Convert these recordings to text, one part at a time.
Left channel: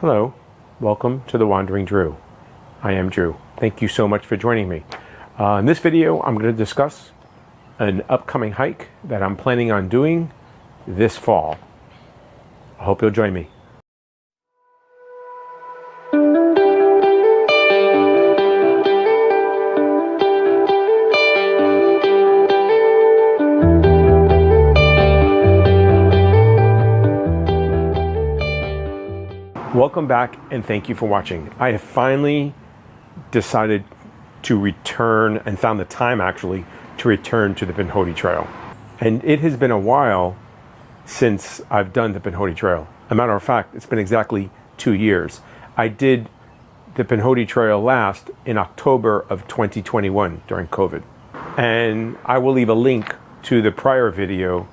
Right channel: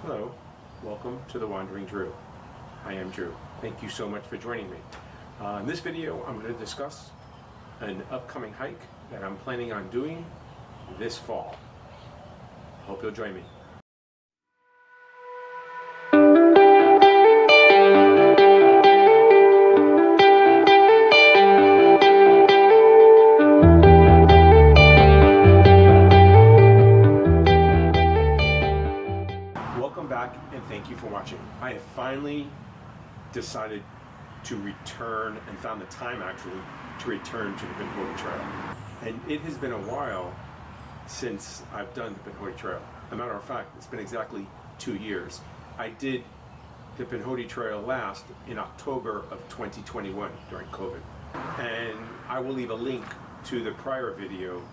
Hello, welcome to The Wandering Drew. I am Drew. Thank you so much for joining me. In this video, I'm going to discuss an upcoming hike that I'm planning on doing this fall. I hope you'll join me. Welcome back and thank you for watching. I have finally decided to return and found the time actually to return to the Pinhoti Trail. And it has been a while since I've done the Pinhoti Trail. As a matter of fact, it's been exactly 2 years. I did the Pinhoti Trail last in October of 2021 during COVID. And I will leave a link to the prior video.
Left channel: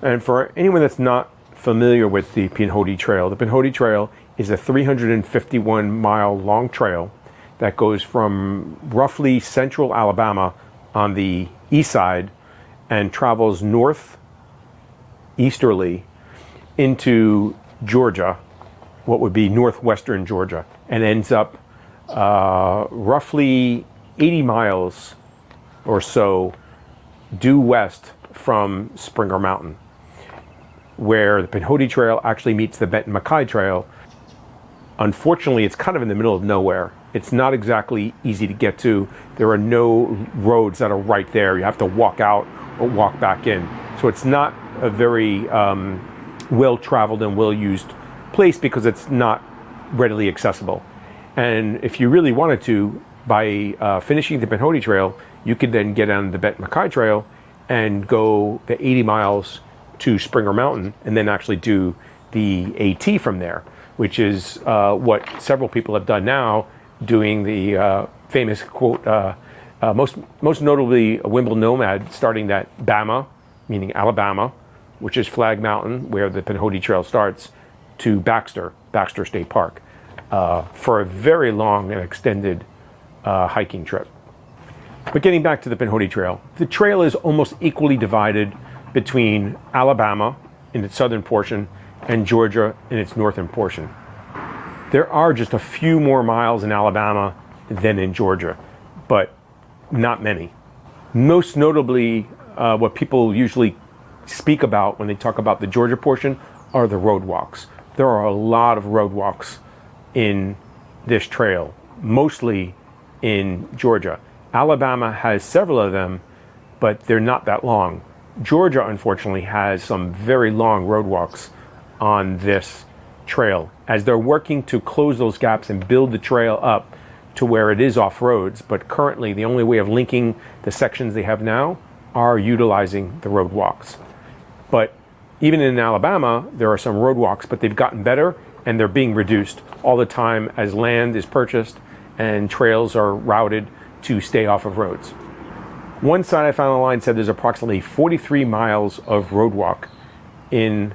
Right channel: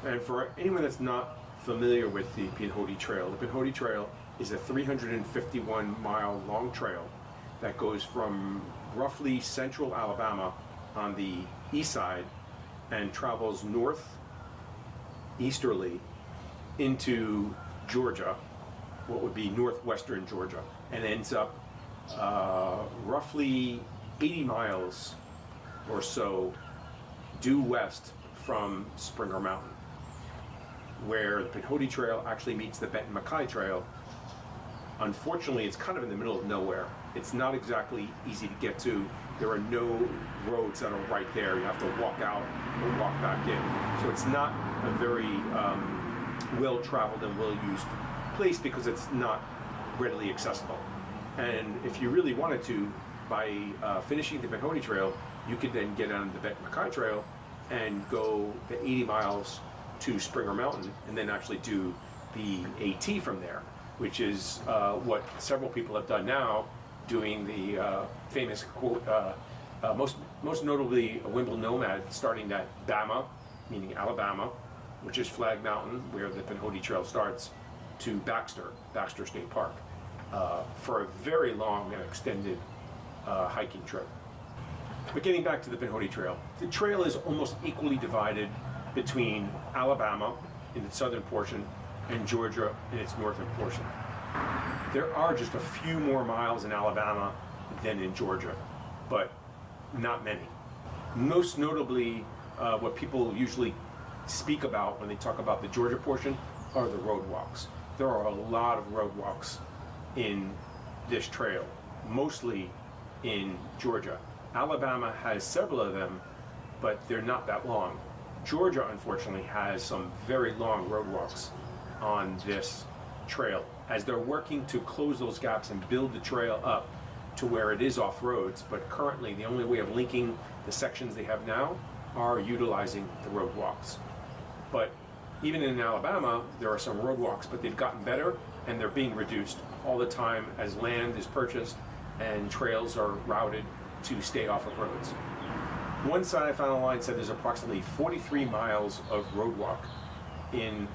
And for anyone that's not familiar with the Pinhoti Trail is a 351-mile long trail that goes from roughly central Alabama on the east side and travels northeasterly into Georgia, what would be northwestern Georgia, and ends up roughly 80 miles or so due west from Springer Mountain, where the Pinhoti Trail actually meets the Benton MacKaye Trail. Unfortunately, it's kind of in the middle of nowhere. It's not exactly easy to get to. There are no roads that are right there. You have to walk out or walk back in. So it's not a very well-traveled and well-used place because it's not readily accessible. And if you really wanted to, by finishing the Pinhoti Trail, you could then get on the Benton MacKaye Trail and go the 80 miles to Springer Mountain and then actually do the AT from there, which is what several people have done now, doing the famous quote, most notably a Wimble Nomad, starting at Bama, meaning Alabama, which is Flag Mountain, where the Pinhoti Trail starts, to Baxter State Park, for a very long and extended hiking trip. But getting back to the Pinhoti Trail, the trail is almost equally divided between Alabama in its southern portion and Georgia in its northern portion. There are just a few more miles in Alabama than in Georgia, but not many. Most notably, what people usually speak about when they talk about the Georgia portion are the roadwalks. There are a lot of roadwalks in this trail, mostly in Georgia. Alabama has several of them, but they're not that long. Georgia, unfortunately, has some very long roadwalks on this trail, as they're working to close those gaps and build the trail up to where it is off roads. But currently, the only way of linking the sections they have now are utilizing the roadwalks. But even in Alabama, there are some roadwalks, but they've gotten better and they're being reduced all the time as land is purchased and trails are routed to stay off of roads. One site I found online said there's approximately 43 miles of roadwalk in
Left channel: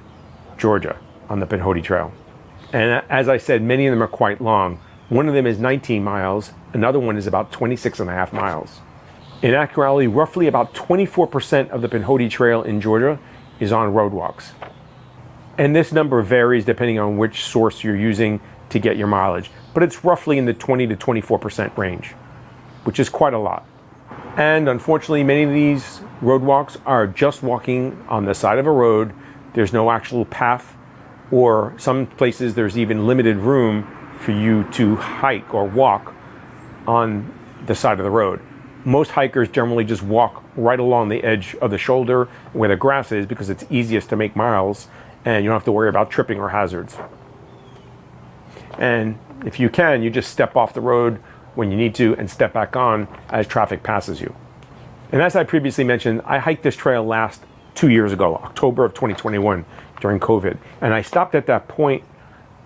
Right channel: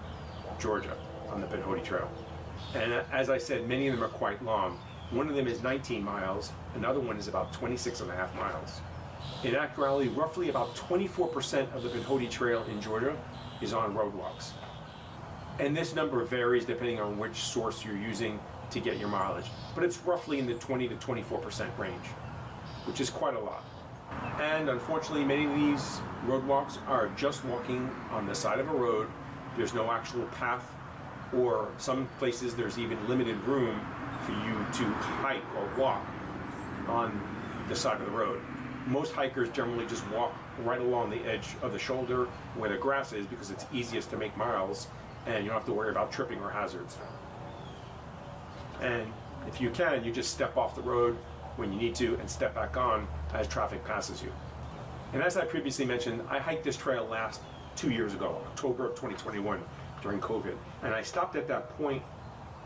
Georgia on the Pinhoti Trail. And as I said, many of them are quite long. One of them is 19 miles. Another one is about 26 and a half miles. In actuality, roughly about 24% of the Pinhoti Trail in Georgia is on roadwalks. And this number varies depending on which source you're using to get your mileage. But it's roughly in the 20 to 24% range, which is quite a lot. And unfortunately, many of these roadwalks are just walking on the side of a road. There's no actual path, or some places there's even limited room for you to hike or walk on the side of the road. Most hikers generally just walk right along the edge of the shoulder where the grass is because it's easiest to make miles and you don't have to worry about tripping or hazards. And if you can, you just step off the road when you need to and step back on as traffic passes you. And as I previously mentioned, I hiked this trail last 2 years ago, October of 2021, during COVID. And I stopped at that point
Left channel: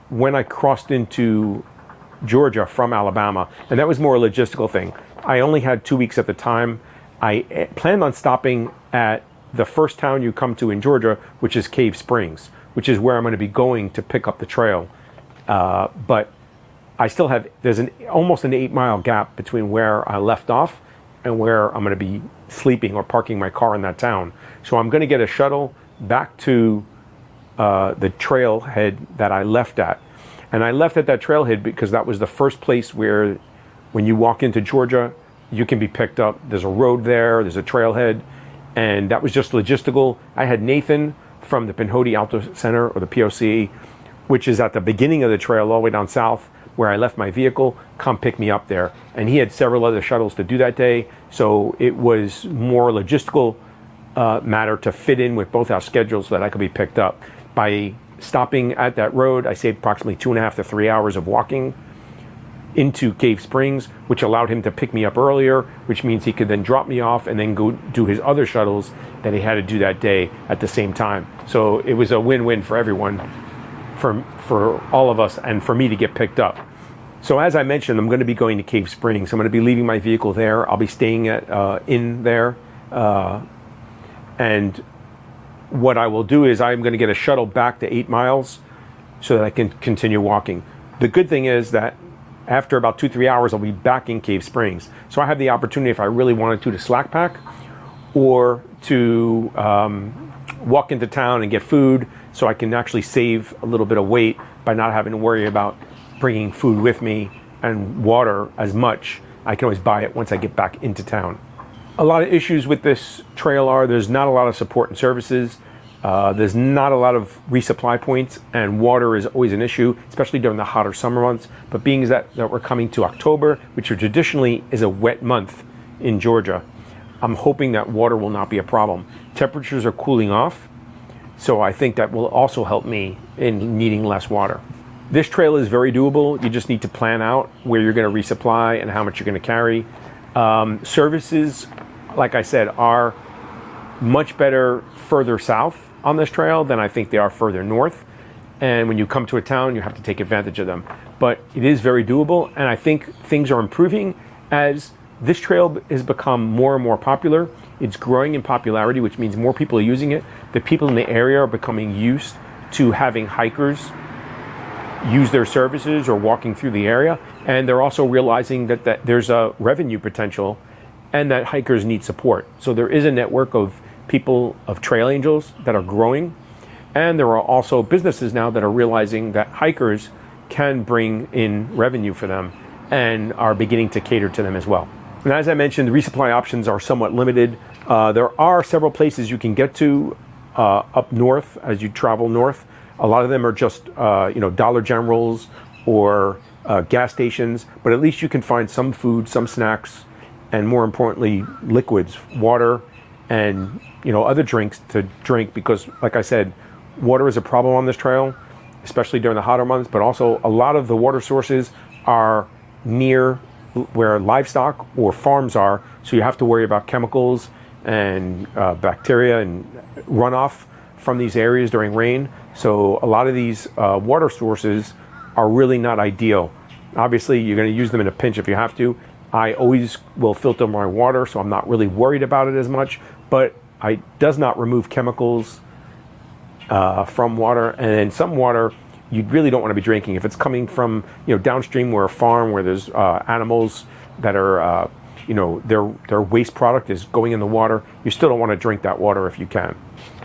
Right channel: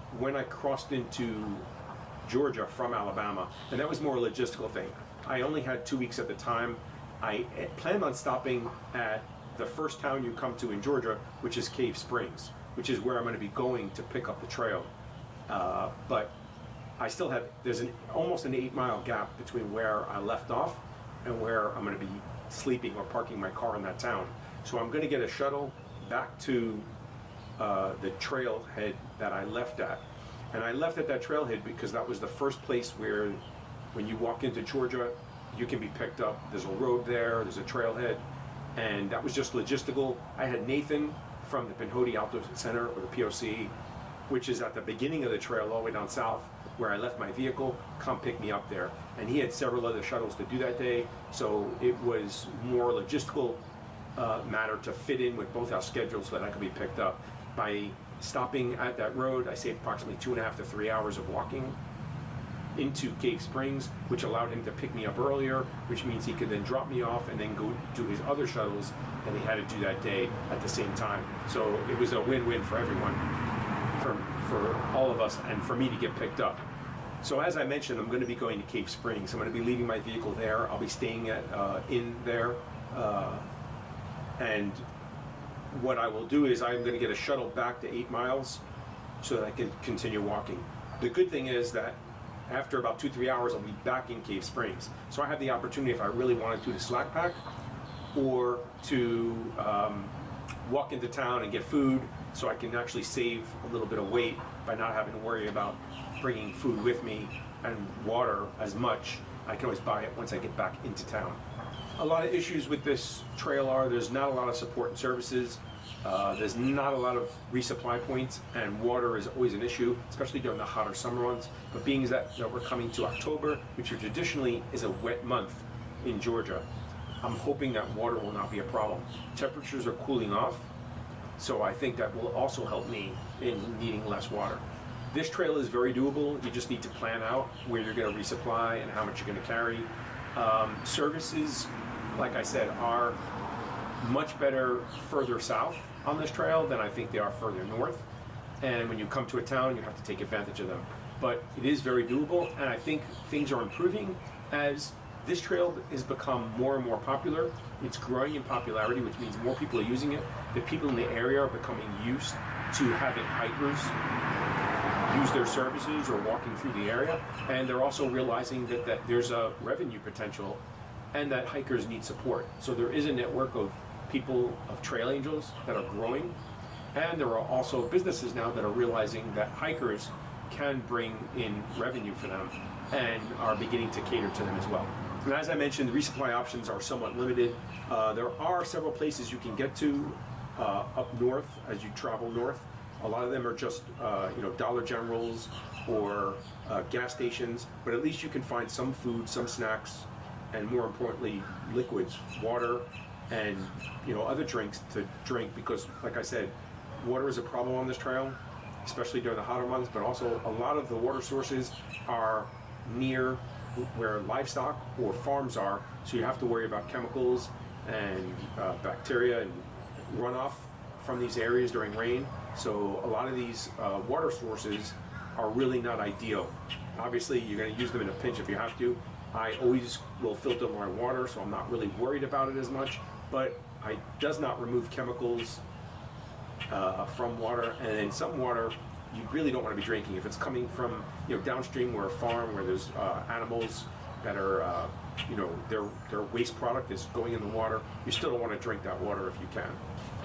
when I crossed into Georgia from Alabama. And that was more a logistical thing. I only had 2 weeks at the time. I planned on stopping at the first town you come to in Georgia, which is Cave Springs, which is where I'm going to be going to pick up the trail. But I still have, there's almost an 8-mile gap between where I left off and where I'm going to be sleeping or parking my car in that town. So I'm going to get a shuttle back to the trailhead that I left at. And I left at that trailhead because that was the first place where, when you walk into Georgia, you can be picked up. There's a road there, there's a trailhead, and that was just logistical. I had Nathan from the Pinhoti Auto Center, or the POC, which is at the beginning of the trail all the way down south where I left my vehicle, come pick me up there. And he had several other shuttles to do that day, so it was more logistical matter to fit in with both our schedules so that I could be picked up. By stopping at that road, I saved approximately 2.5 to 3 hours of walking into Cave Springs, which allowed him to pick me up earlier, which means he could then drop me off and then go do his other shuttles that he had to do that day at the same time. So it was a win-win for everyone, for all of us, and for me to get picked up. So as I mentioned, I'm going to be going to Cave Springs. I'm going to be leaving my vehicle there. I'll be staying in there. And what I will do is I'm going to get a shuttle back to 8 miles so that I can continue walking. The good thing is that after about 2-3 hours, I'll be back in Cave Springs. So I have the opportunity, if I really wanted to slack pack, or to walk into town and get food, so I can actually save a little bit of weight by not having to worry about bringing food with me and water as much. I can always buy it once I get back into town. A lot of issues with this trail are there's not a lot of support and services. There's not a lot of resupply points, and water is always an issue, especially during the hotter summer months. But being that we're coming to October, which traditionally is a wet month in Georgia, I'm hoping that water will not be a problem. Temperatures are cooling off, so I think that will also help me in needing less water. This trail is very doable. You just need to plan out where you're going to resupply and how much you're going to carry. Services, like I said, are much better further south on this trail than I think they are further north. And when you come to a town, you have to take advantage of them. But it is very doable, and I think things are improving as this trail has become more and more popular. It's growing in popularity, which means more people are using it. The people in the area are becoming used to having hikers use their services or walking through the area. And they're also realizing that there's a revenue potential and that hikers need support. So there is a network of people, of trail angels, that are growing. And there are also businesses now that are realizing that hikers can bring in revenue for them and are beginning to cater to them as well. And as I mentioned, the resupply options are somewhat limited. There are several places you can get to up north as you travel north. A lot of them are just Dollar Generals or gas stations, but at least you can find some food, some snacks, and more importantly, liquids, water, and other drinks to drink, because like I said, water is a problem on this trail, especially during the hotter months, but also a lot of the water sources are near where livestock or farms are, so you have to worry about chemicals and bacteria and runoff from these areas during rain. So a lot of these water sources are really not ideal. Obviously, you're going to use them in a pinch if you have to. I always will filter my water, so I'm not really worried about it as much, but it does not remove chemicals from water. And then some water you really don't want to be drinking. If it's coming from downstream where a farm where there's animals that are their waste product is going in the water, you still don't want to drink that water if you can.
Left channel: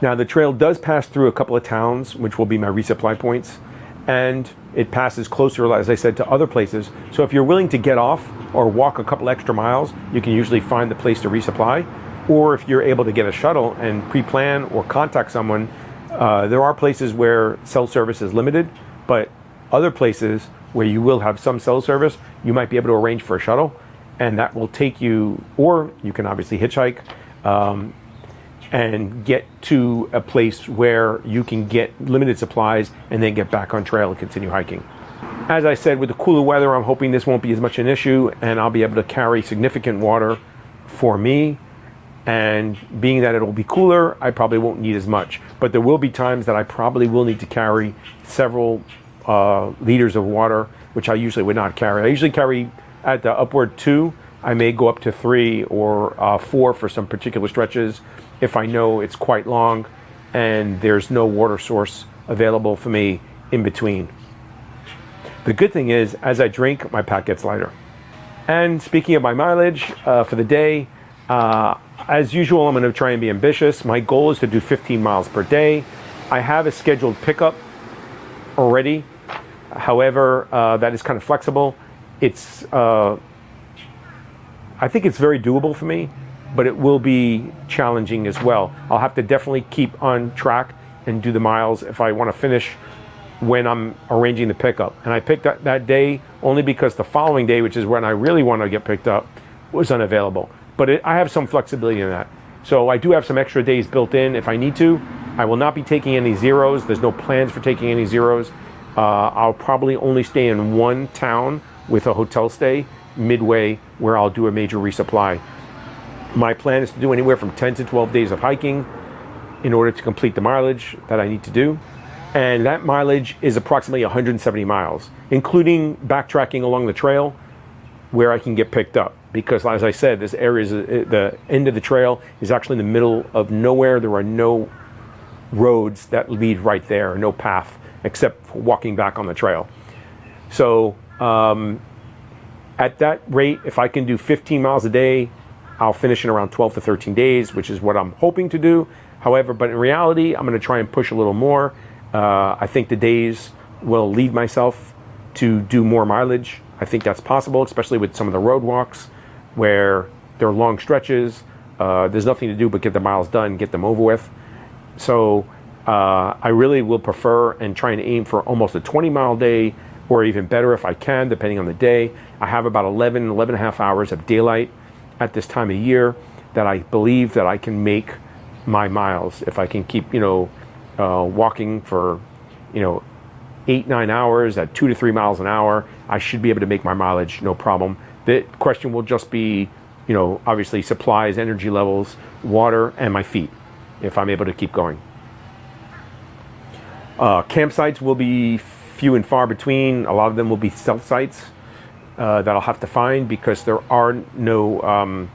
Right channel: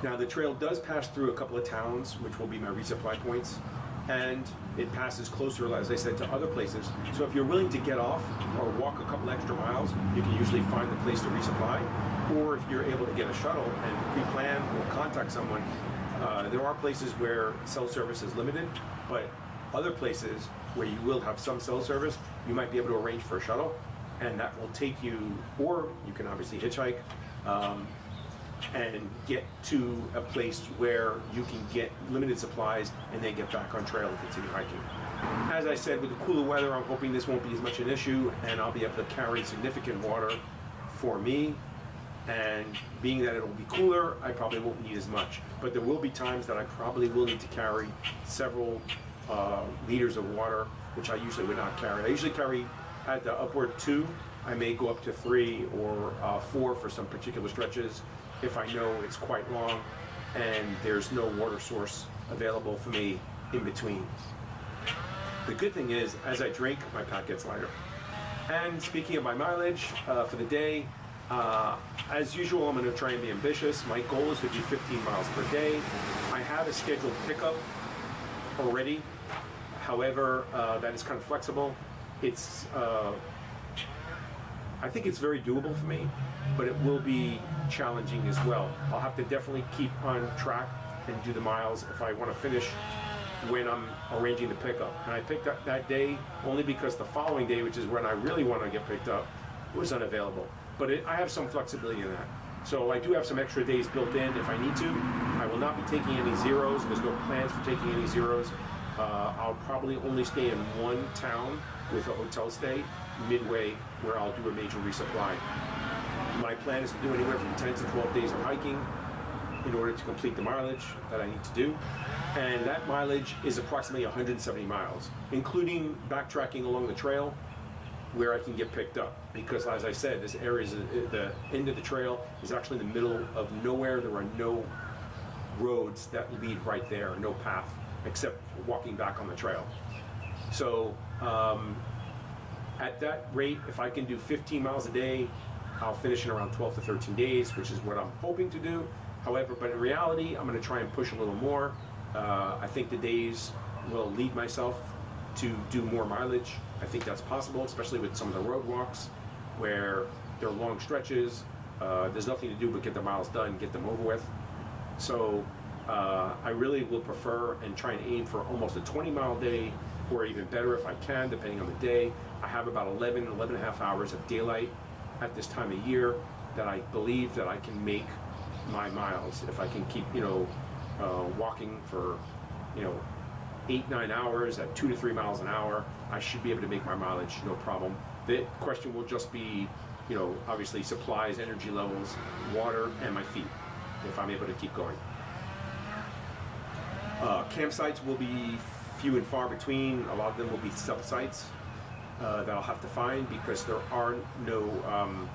Now the trail does pass through a couple of towns, which will be my resupply points, and it passes closer, as I said, to other places. So if you're willing to get off or walk a couple extra miles, you can usually find the place to resupply. Or if you're able to get a shuttle and pre-plan or contact someone, there are places where cell service is limited, but other places where you will have some cell service, you might be able to arrange for a shuttle, and that will take you, or you can obviously hitchhike, and get to a place where you can get limited supplies and then get back on trail and continue hiking. As I said, with the cooler weather, I'm hoping this won't be as much an issue and I'll be able to carry significant water for me. And being that it'll be cooler, I probably won't need as much. But there will be times that I probably will need to carry several liters of water, which I usually would not carry. I usually carry at the upward 2. I may go up to 3 or 4 for some particular stretches if I know it's quite long and there's no water source available for me in between. The good thing is, as I drink, my pack gets lighter. And speaking of my mileage for the day, as usual, I'm going to try and be ambitious. My goal is to do 15 miles per day. I have a scheduled pickup already However, that is kind of flexible. It's, I think it's very doable for me, but it will be challenging as well. I'll have to definitely keep on track and do the miles if I want to finish when I'm arranging the pickup. And I picked up that day only because the following day, which is when I really want to get picked up, was unavailable. But I have some flexibility in that. So I do have some extra days built in if I need to. I will not be taking any zeros. There's no plans for taking any zeros. I'll probably only stay in one town with a hotel stay midway where I'll do a major resupply. My plan is to do anywhere from 10 to 12 days of hiking in order to complete the mileage that I need to do. And that mileage is approximately 170 miles, including backtracking along the trail where I can get picked up. Because as I said, this area is the end of the trail is actually in the middle of nowhere. There are no roads that lead right there, no path except for walking back on the trail. So at that rate, if I can do 15 miles a day, I'll finish in around 12 to 13 days, which is what I'm hoping to do. However, but in reality, I'm going to try and push a little more. I think the days will lead myself to do more mileage. I think that's possible, especially with some of the road walks where there are long stretches. There's nothing to do but get the miles done, get them over with. So I really will prefer and try and aim for almost a 20-mile day, or even better if I can, depending on the day. I have about 11 and a half hours of daylight at this time of year that I believe that I can make my miles. If I can keep, walking for, 8-9 hours at 2 to 3 miles an hour, I should be able to make my mileage, no problem. The question will just be, obviously supplies, energy levels, water, and my feet, if I'm able to keep going. Campsites will be few and far between. A lot of them will be stealth sites that I'll have to find because there are no,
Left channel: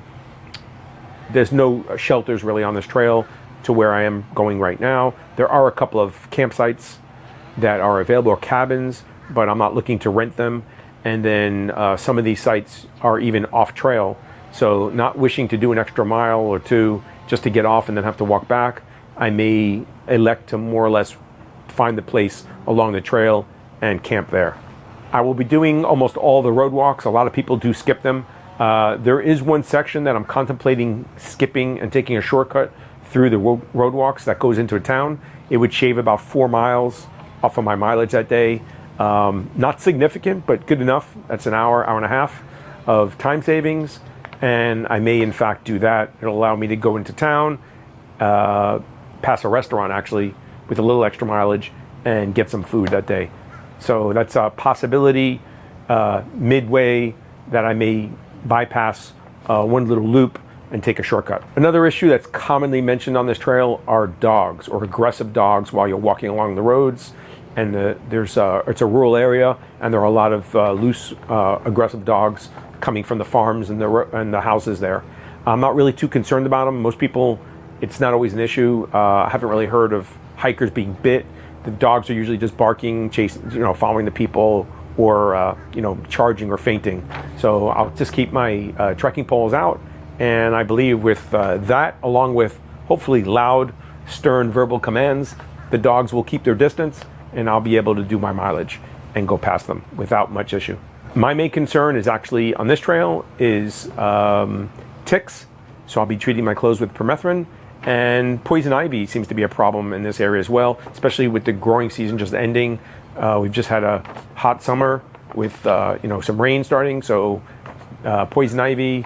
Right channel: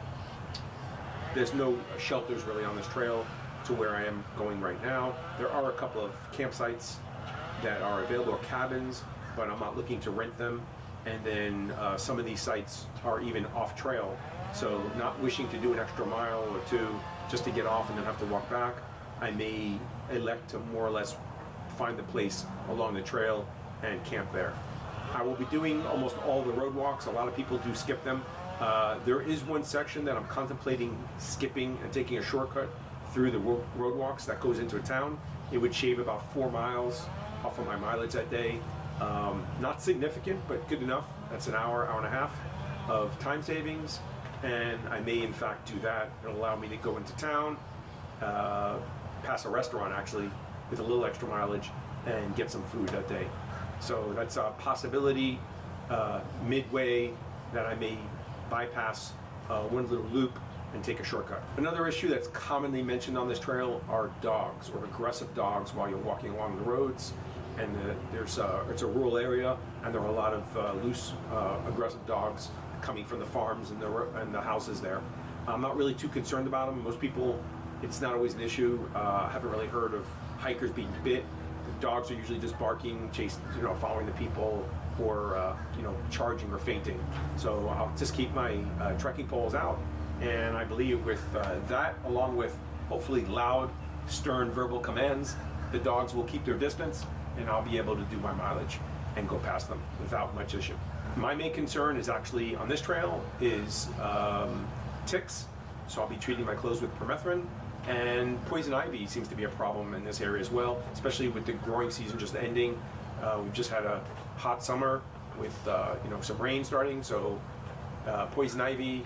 there's no shelters really on this trail to where I am going right now. There are a couple of campsites that are available, or cabins, but I'm not looking to rent them. And then some of these sites are even off trail. So not wishing to do an extra mile or two just to get off and then have to walk back, I may elect to more or less find the place along the trail and camp there. I will be doing almost all the road walks. A lot of people do skip them. There is one section that I'm contemplating skipping and taking a shortcut through the road walks that goes into a town. It would shave about 4 miles off of my mileage that day. Not significant, but good enough. That's an hour, hour and a half of time savings. And I may in fact do that. It'll allow me to go into town, pass a restaurant actually with a little extra mileage, and get some food that day. So that's a possibility midway that I may bypass one little loop and take a shortcut. Another issue that's commonly mentioned on this trail are dogs, or aggressive dogs, while you're walking along the roads. And it's a rural area, and there are a lot of loose, aggressive dogs coming from the farms and the houses there. I'm not really too concerned about them. Most people, it's not always an issue. I haven't really heard of hikers being bit. The dogs are usually just barking, chasing, following the people, or charging or fainting. So I'll just keep my trekking poles out, and I believe with that, along with hopefully loud, stern verbal commands, the dogs will keep their distance, and I'll be able to do my mileage and go past them without much issue. My main concern is actually on this trail is ticks. So I'll be treating my clothes with permethrin, and poison ivy seems to be a problem in this area as well, especially with the growing season just ending. We've just had a hot summer with some rain starting, so poison ivy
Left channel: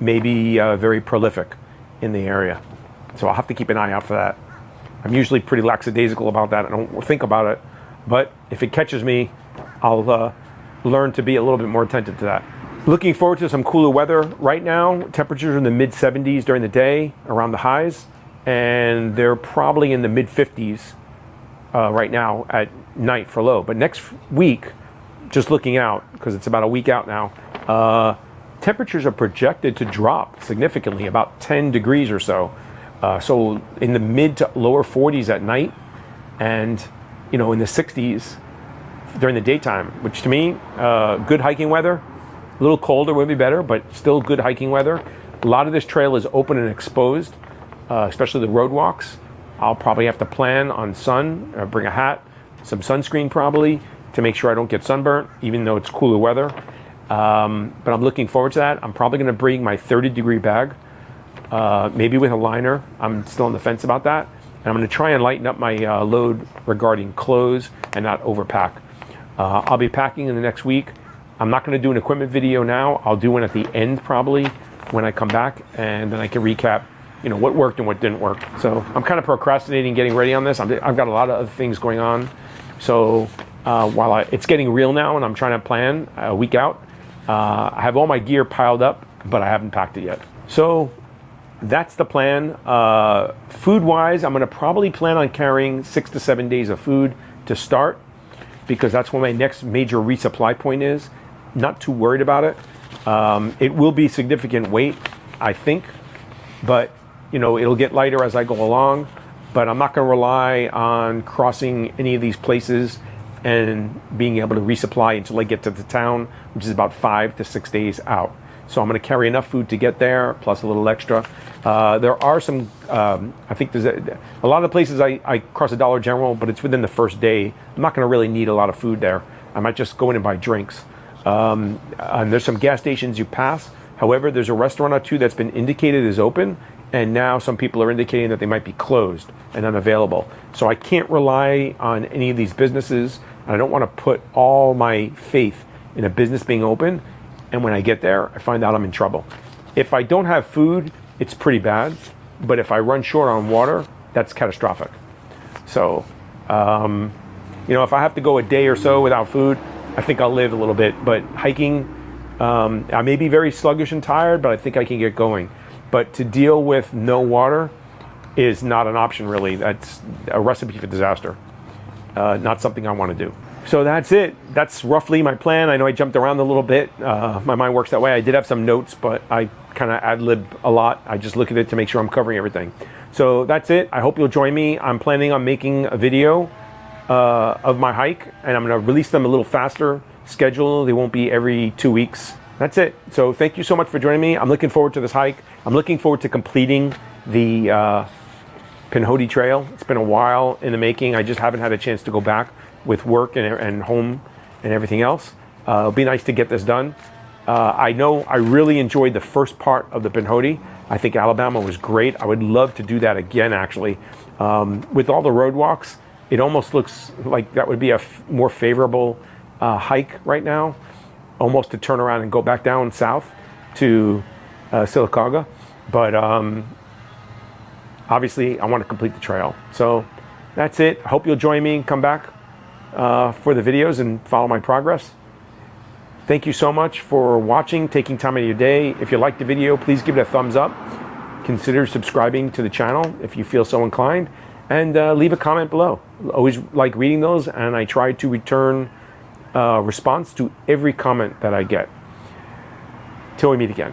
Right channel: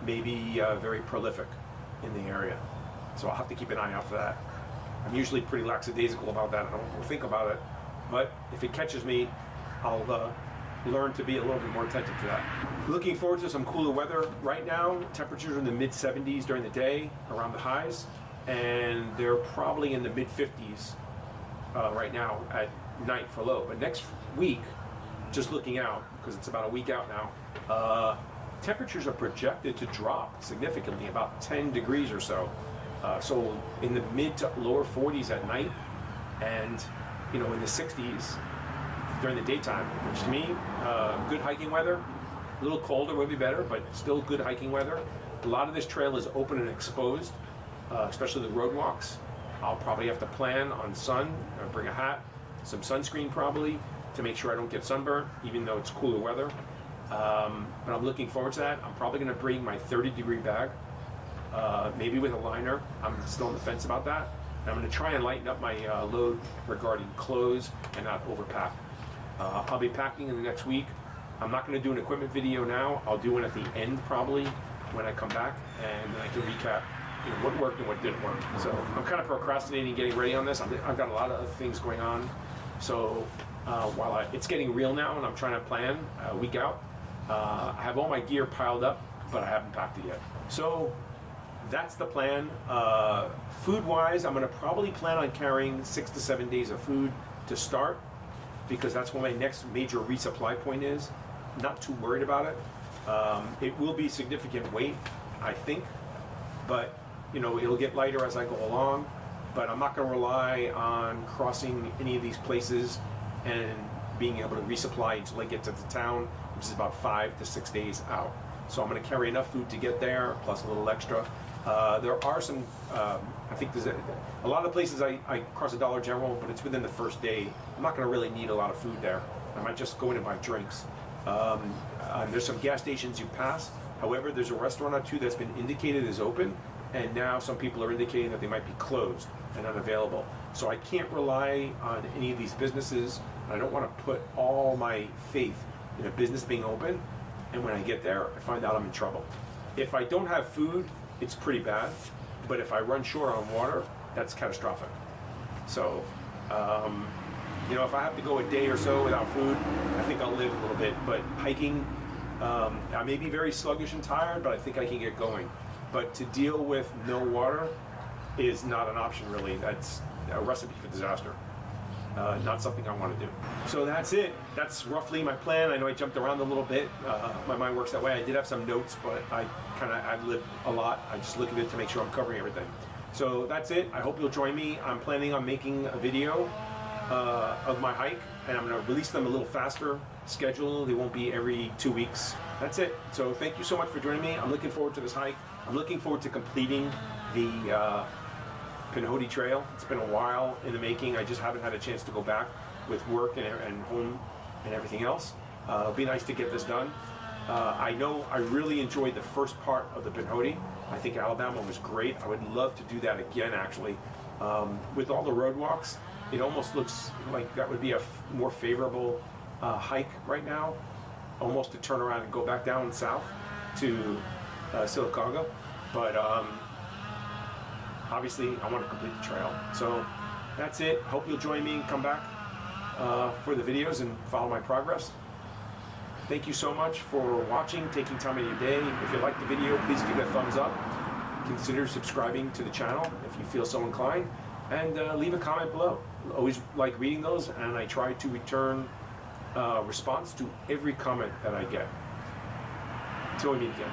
may be very prolific in the area. So I'll have to keep an eye out for that. I'm usually pretty lackadaisical about that. I don't think about it, but if it catches me, I'll learn to be a little bit more attentive to that. Looking forward to some cooler weather. Right now, temperatures are in the mid 70s during the day around the highs, and they're probably in the mid 50s right now at night for low. But next week, just looking out, because it's about a week out now, temperatures are projected to drop significantly, about 10 degrees or so. So in the mid to lower 40s at night, and in the 60s during the daytime, which to me, good hiking weather. A little colder would be better, but still good hiking weather. A lot of this trail is open and exposed, especially the road walks. I'll probably have to plan on sun, bring a hat, some sunscreen probably, to make sure I don't get sunburnt, even though it's cooler weather. But I'm looking forward to that. I'm probably going to bring my 30-degree bag, maybe with a liner. I'm still on the fence about that. And I'm going to try and lighten up my load regarding clothes and not overpack. I'll be packing in the next week. I'm not going to do an equipment video now. I'll do one at the end probably when I come back, and then I can recap, you know, what worked and what didn't work. So I'm kind of procrastinating getting ready on this. I've got a lot of other things going on. So while it's getting real now and I'm trying to plan a week out, I have all my gear piled up, but I haven't packed it yet. So that's the plan. Food-wise, I'm going to probably plan on carrying 6 to 7 days of food to start, because that's when my next major resupply point is. Not too worried about it. It will be significant weight, I think, but you know, it'll get lighter as I go along. But I'm not going to rely on crossing any of these places and being able to resupply until I get to the town, which is about 5 to 6 days out. So I'm going to carry enough food to get there, plus a little extra. There are some, I think there's a lot of places I cross a Dollar General, but it's within the first day. I'm not going to really need a lot of food there. I might just go in and buy drinks. And there's some gas stations you pass. However, there's a restaurant or two that's been indicated as open, and now some people are indicating that they might be closed and unavailable. So I can't rely on any of these businesses. I don't want to put all my faith in a business being open, and when I get there, I find out I'm in trouble. If I don't have food, it's pretty bad, but if I run short on water, that's catastrophic. So, you know, if I have to go a day or so without food, I think I'll live a little bit. But hiking, I may be very sluggish and tired, but I think I can get going. But to deal with no water is not an option, really. That's a recipe for disaster. Not something I want to do. So that's it. That's roughly my plan. I know I jumped around a little bit. My mind works that way. I did have some notes, but I kind of ad-lib a lot. I just look at it to make sure I'm covering everything. So that's it. I hope you'll join me. I'm planning on making a video of my hike, and I'm going to release them a little faster schedule. They won't be every 2 weeks. That's it. So thank you so much for joining me. I'm looking forward to this hike. I'm looking forward to completing the Pinhoti Trail. It's been a while in the making. I just haven't had a chance to go back with work and home and everything else. It'll be nice to get this done. I know I really enjoyed the first part of the Pinhoti. I think Alabama was great. I would love to do that again, actually. With all the road walks, it almost looks like that would be a more favorable hike right now, almost to turn around and go back down south to Sylacauga. But obviously, I want to complete the trail. So that's it. I hope you'll join me and come back for the videos and follow my progress. Thank you so much for watching, taking time out of your day. If you liked the video, please give it a thumbs up. Consider subscribing to the channel if you feel so inclined, and leave a comment below. Always like reading those, and I try to return response to every comment that I get. Till we meet again.